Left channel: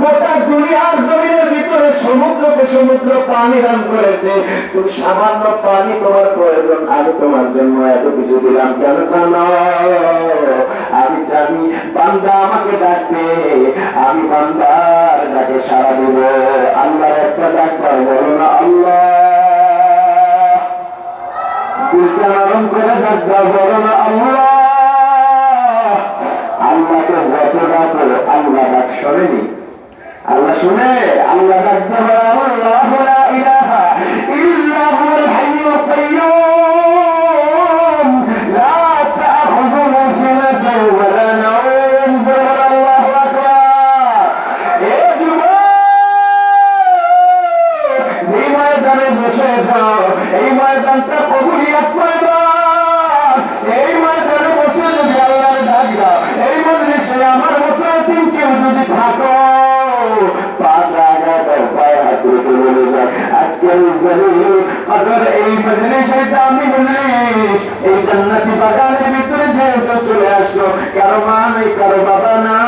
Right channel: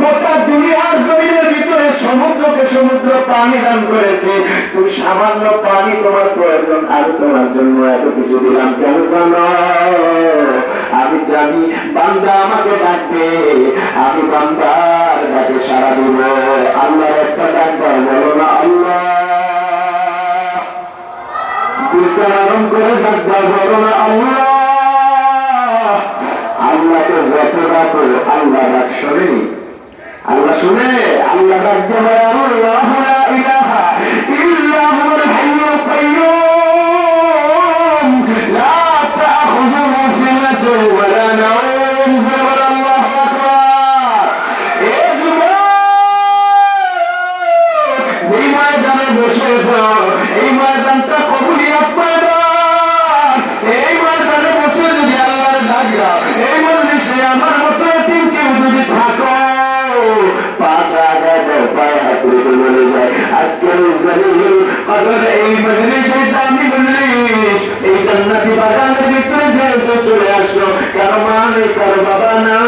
গোটা দুনিয়ার জমিনের ভিতরে সমুদ্রকে সমুদ্র পানি দান করেছে, তুমি সামান্য পানি তোমার প্রয়োজন, আমি তোমার জন্য এত কিছু দিলাম কেন জানো? আমি জানি বান্দা আমাকে ডাকবে, আমি বান্দার ডাকে সাড়া দিব। আল্লাহর একটা ডাক দাও, বলো না আল্লাহ। দিলটা নরম করে ডাক দাও, বলো না আল্লাহ। আল্লাহকে যত ডাকো আল্লাহ ডাক শোনেনি, আল্লাহ শুনে। আল্লাহ ডাক দেবে, আল্লাহু লা ইলাহা ইল্লা হুয়াল হাইয়ুল কাইয়্যুম লা তাখুযুহু সিনাতুন ওয়া লা নাওম। আল্লাহু আকবার। এ যুবক, যে ময়দানে বসেছ এই ময়দানটা কবুলিয়ত ময়দান। এই ময়দানে বসে যদি আল্লাহর ডাক দাও, এই মজলিসে আমার মতো এতিম কেউ যদি থাকো, আজকের এই মজলিসে দামি মজলিস, এই জান্নাতি বাগানের ভিতরে যেহেতু চলে আসো, কারো মা নেই, কারো বাবা নাই,